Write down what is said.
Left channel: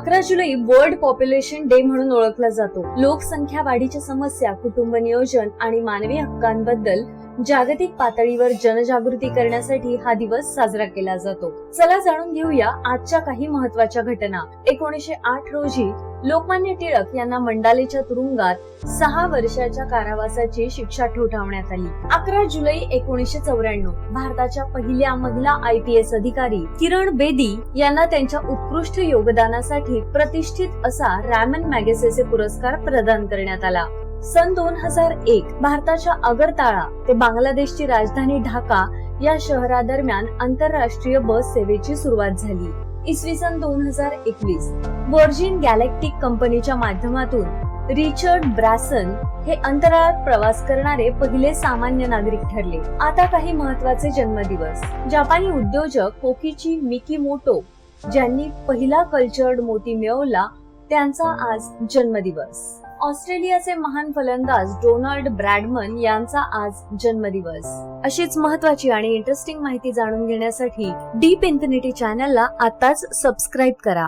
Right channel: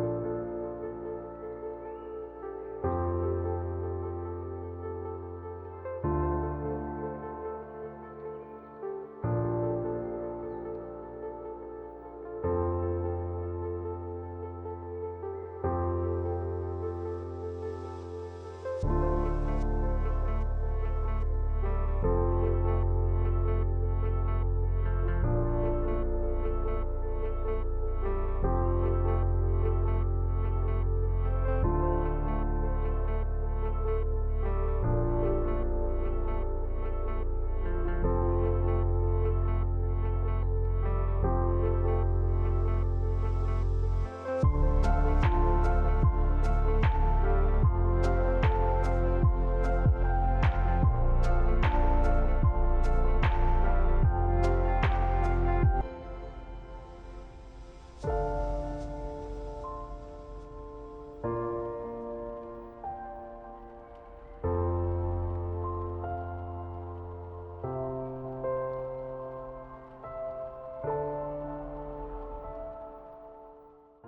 11 जुलै world population day म्हणून ओळखला जातो. लोकसंख्या वाढीच्या समस्या, कुटुंब नियोजन आणि मानवी हक्कांबद्दल जागतिक पातळीवर जनजागृती करण्यासाठी हा दिवस साजरा केला जातो. चला जाणून घेऊया आजच्या काही महत्त्वाच्या घटना. 1908 रोजी लोकमान्य टिळक यांना मंडालेच्या तुरुंगात 6 वर्षाच्या कारावासाची शिक्षा ठोठावण्यात आली. 11 जुलै 1994 भारताच्या पहिल्या महिला IPS अधिकारी किरण बेदी यांना त्यांच्या उत्कृष्ट योगदानासाठी प्रतिष्ठित असा रॅमन मॅगसेसे पुरस्कार प्रदान करण्यात आला. सन 2001 भारताच्या आगरताळा ते बांगलादेशची राजधानी ढाका या शहरादरम्यान आंतरराष्ट्रीय बस सेवेची सुरुवात झाली. इसवी सन 2021 व्हर्जिन गॅलेक्टिक कंपनीच्या माध्यमातून रिचर्ड ब्रॅसन हे अंतराळात प्रवास करणारे पहिले सामान्य नागरिक ठरले. आता काही महत्त्वाचे जन्मदिवस. जपानी उद्योजक कोकिची मिकीमोटो ज्यांनी पहिला कल्चर्ड मोती मिळवला त्यांचा आज जन्मदिवस. ऑस्ट्रेलियाचे महान फलंदाज डोनाल्ड ब्रॅडमन यांचा आज जन्मदिवस. अशीच महत्त्वाची आणि इंटरेस्टिंग माहिती जाणून घेण्यासाठी डीप इन्फिनिटी चॅनलला आताच सबस्क्राईब करा.